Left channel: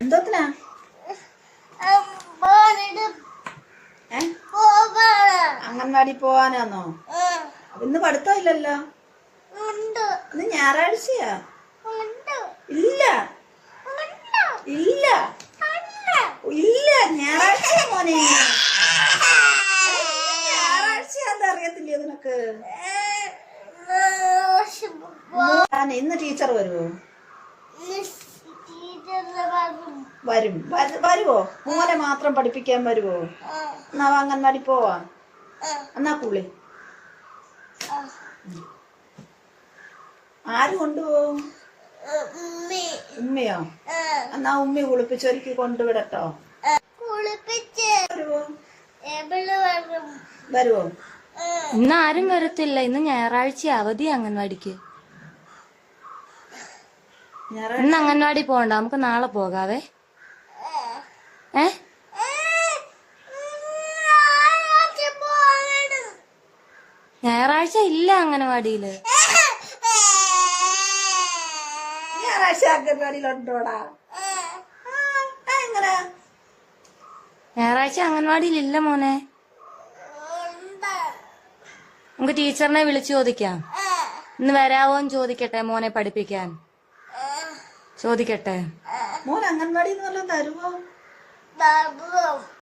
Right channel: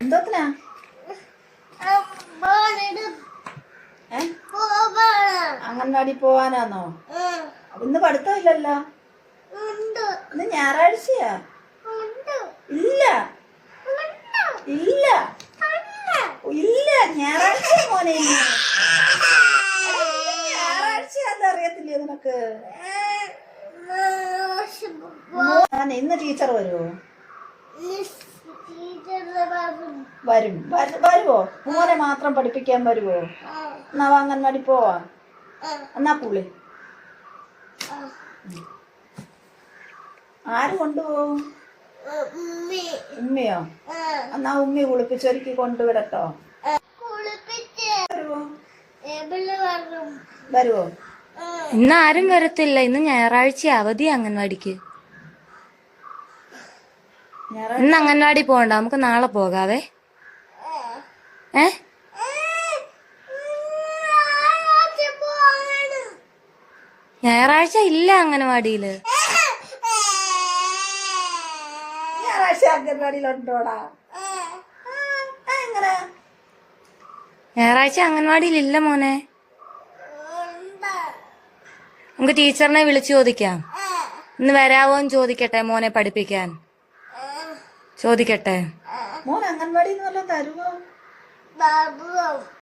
എന്തോത്തിനാ അംഗൻവാടി പോവാനാന്നോ? ഇന്ന് പഠിത്തമില്ലല്ലോ. ഇന്ന് ഞായറാഴ്ചയാ. ഇല്ല ഇല്ല ഇല്ല ഞായറാഴ്ചയാ മോനെ. ഞായറാഴ്ചയാന്ന് അറിയത്തില്ലേ നിനക്ക്? ഇന്ന് ടീച്ചർ വരുവോ? വരുവോ? മോനെ മാത്രം പഠിപ്പിക്കാൻ വരുവോ? എന്നാ അംഗൻവാടി പോവാ. എന്നാ പുള്ളി ആര് കൊണ്ടുപോകും? ഉമ്മയോ? എന്നാ ഉമ്മി കുളിപ്പിച്ചൊരുക്കി കൊണ്ടുവിടട്ടോ. വരുവോ? ഇന്ന് ആരും വരത്തില്ല. ഇന്ന് ഞായറാഴ്ച അവധി അംഗൻവാടിക്ക്. ഇന്ന് അംഗൻവാടി പോകണ്ട, നമുക്ക് നാളെ പോകാവേ. ഞായറാഴ്ച ഇല്ല അംഗൻവാടിയില്. ഞായറാഴ്ച അംഗൻവാടിയിൽ ഇല്ല മോനെ. നമുക്ക് ടീച്ചറിനെ വിളിച്ചു ചോദിക്കാം. ഇന്ന് വരാവോന്ന് ചോദിക്കട്ടെ മോനെ പഠിപ്പിക്കാൻ. ചോദിക്കട്ടെ. മോൻ അംഗൻവാടിയിൽ നിന്ന് വല്ലതും തരുമോ?